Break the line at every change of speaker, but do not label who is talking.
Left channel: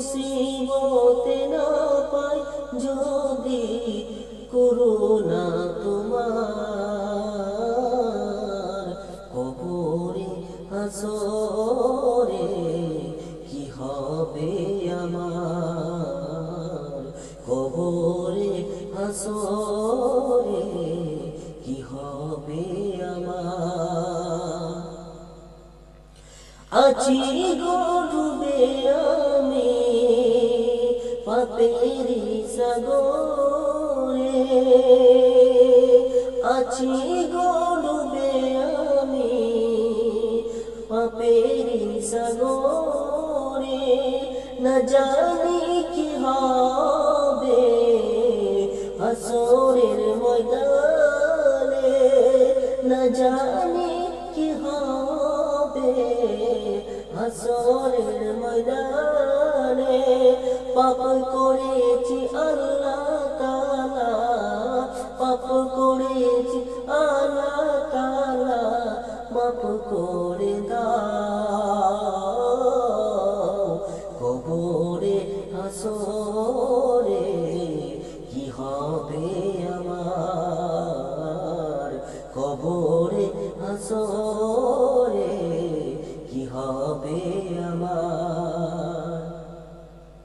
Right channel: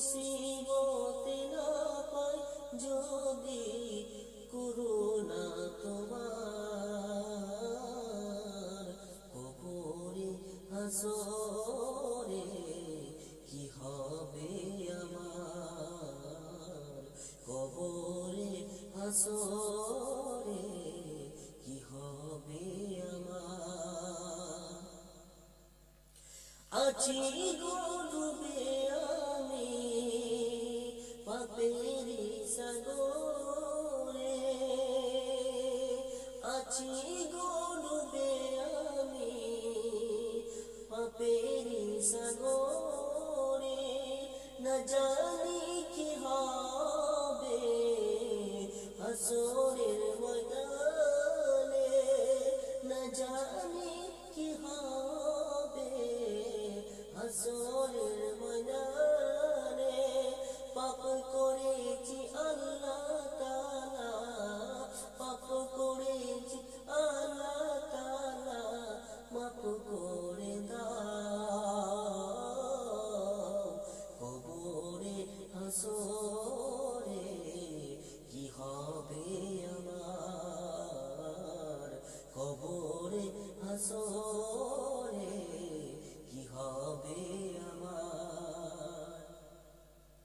মুসিবত না পাই যদি করুণা তোমার। কবরে, হাসরে কি হবে আমার? কবরে, হাসরে কি হবে আমার? আছি গরুবে আমি পাপেরি সাগরে আছি গরুবে আমি পাপেরি সাগরে না জানি কি হবে আসরের ময়দানে না জানি কি হবে আসরের ময়দানে পাপ করেছি আল্লাহ তালা পাপ করেছি আল্লাহ তালা মাপ করে দাও কবরে, হাসরে। কি হবে আমার? কবরে, হাসরে। কি হবে